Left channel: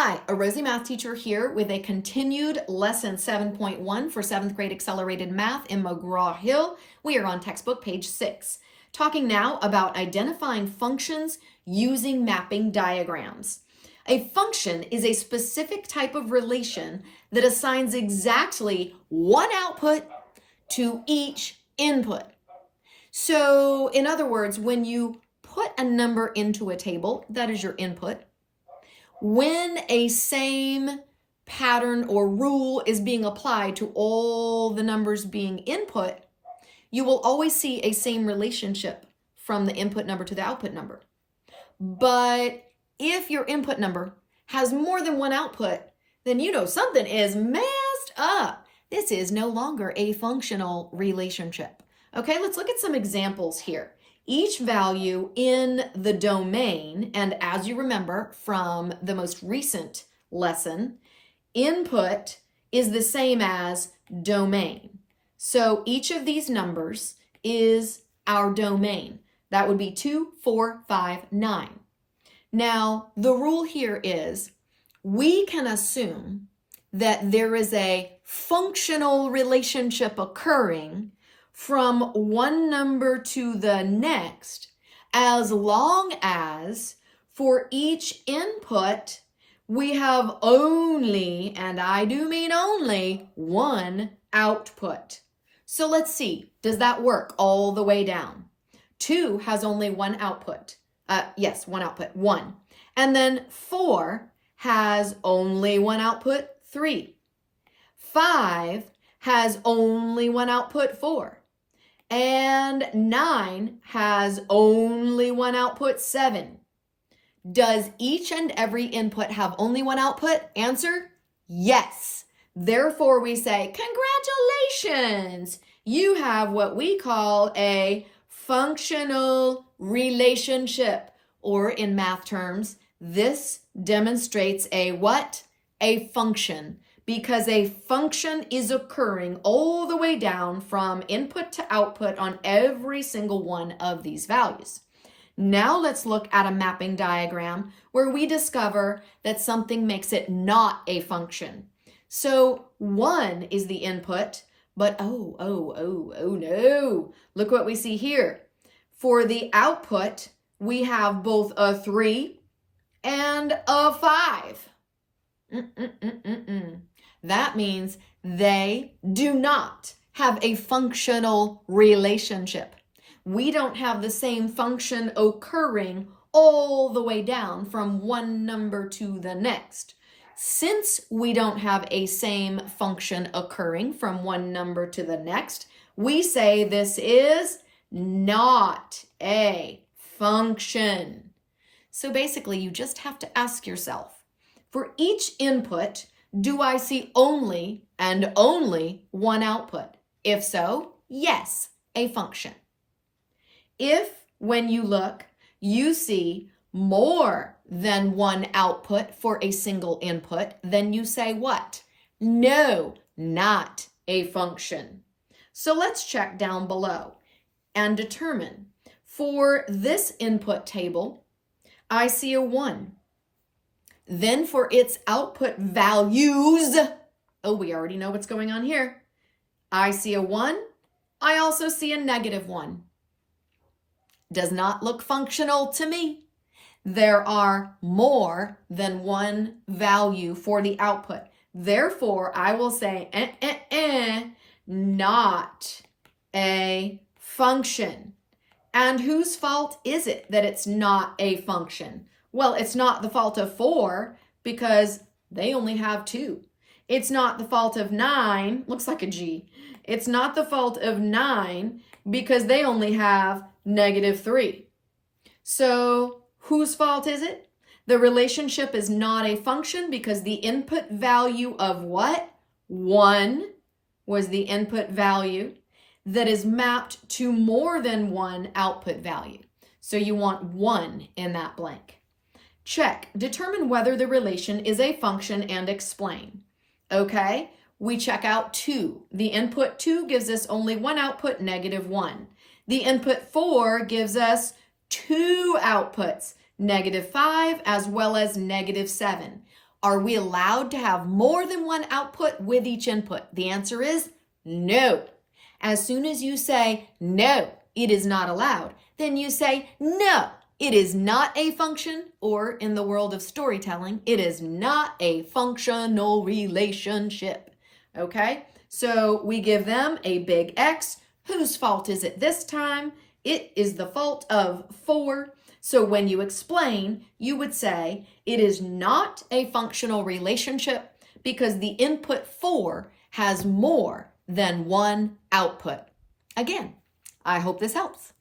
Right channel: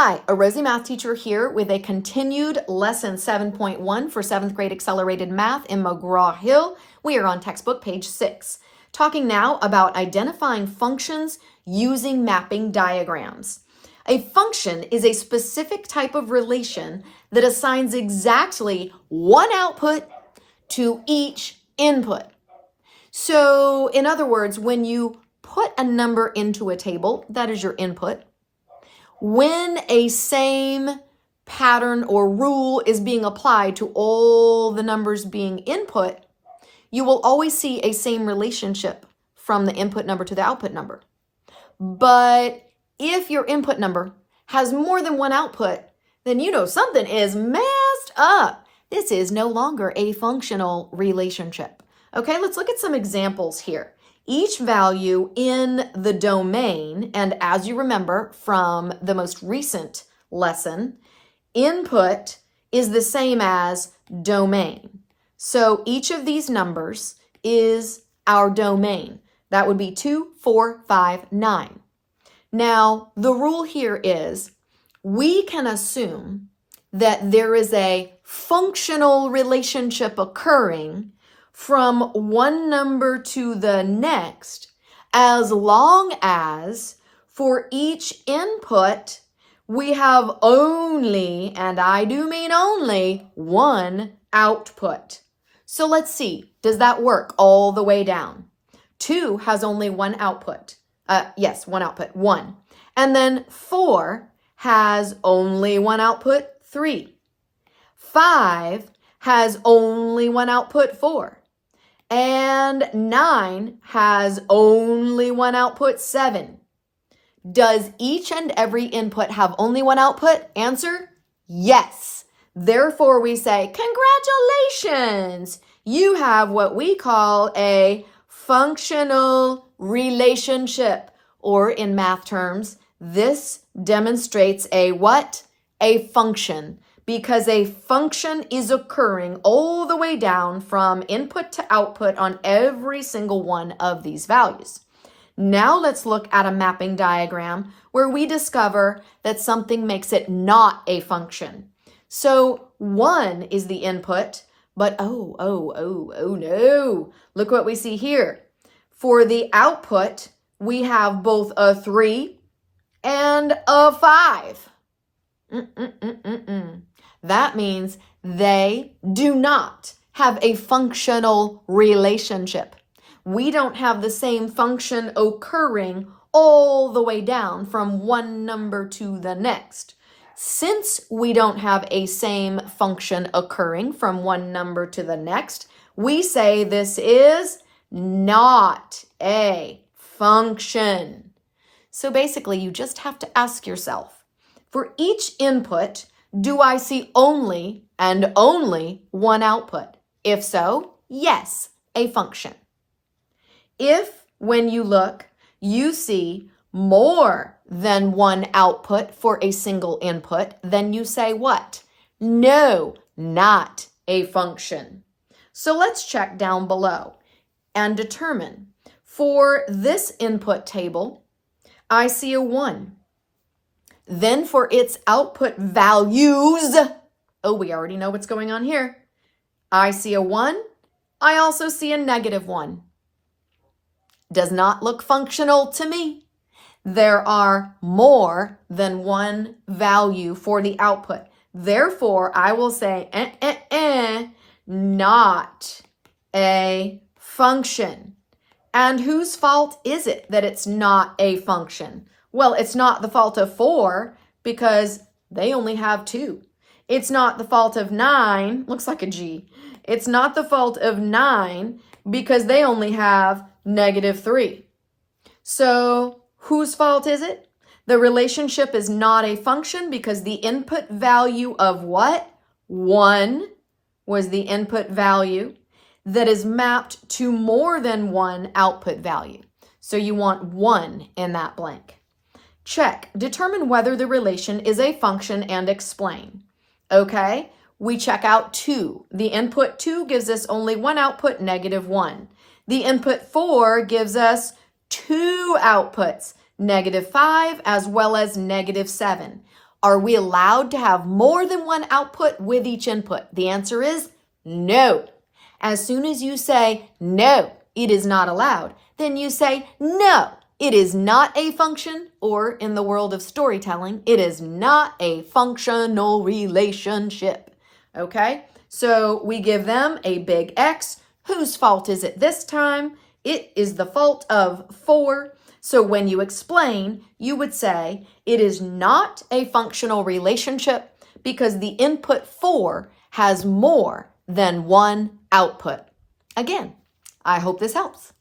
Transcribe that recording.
Hi, a Rosie math teacher here with a continued lesson 7.1 for 7th grade accelerated math in McGraw-Hill. We are on textbook page 6, talking now about identifying functions using mapping diagrams. A function is a specific type of relation that assigns exactly one output to each input. So, in other words, when you put a number into a table, that is your input. When a same pattern or rule is being applied to all the numbers being input, you will always see a same relationship from the input number to the output number. But if your input number has more than one output, then you know something is messed up. This is no longer a functional relationship. Okay, let's look at some examples here. Each value in the domain, and as you remember from the most recent lesson, input is the same as domain. So each of these numbers is our domain. That would be 2, 4, 5, 9. Now, the rule here is we can assume that there is a functional relationship occurring from one number to the next, as long as for each input we have only, and I do mean only, one output. So let's see, does that work all the way down? 2 has only one output. Yes, one output, 1. And then 4 has only one output, 3. 5 has only one output, 4. And 9 has only one output, 7. Does each and every input have only one output? Answer, yes. Therefore, we say, congratulations! You have what we call a functional relationship, or in math terms, this demonstrates a what? A function, because a function is occurring all the way down from input to output on every single one of these values. Now let's look at a mapping diagram where we discover that something makes it not a function. So 1 is the input, but oh no, look what we see here. For the output, we have both a 3 and a 5. That means they do not have a functional relationship. We don't have the same function occurring all the way down from one number to the next. Since we don't have a same function occurring from one number to the next, we say this is not a function. So basically, you just have to ask yourself, for each input, do I see only and only one output? If so, yes, a function. If, when you look, you see more than one output for a single input, then you say what? No, not a function. So let's check down below and determine. For this input table, I see a 1. Then for its output values, oh, we already know what's going on here. I see a 1. I also see a -1. Does not look functional to me. There are more than one value for the output. Therefore, I will say, not a function. And whose fault is it that it's not a function? Well, it's not the fault of 4 because they only have 2. It's not the fault of 9, looks like a G. It's not the fault of 9 because they only have -3. So whose fault is it? The relationship is not a function because the input value of what? 1 was the input value that is mapped to more than one output value. So you want 1 in that blank. Check. Determine whether the relation is a function and explain. Okay, we check out 2. The input 2 gives us only one output, -1. The input 4 gives us 2 outputs, -5 as well as -7. Are we allowed to have more than one output with each input? The answer is no. As soon as you say, no, it is not allowed, then you say, no, it is not a function, or in the world of storytelling, it is not a functional relationship. Okay? So we give them a big X. Whose fault is it this time? It is the fault of 4. So when you explain, you would say it is not a functional relationship because the input 4 has more than one output. Again, I hope this helps.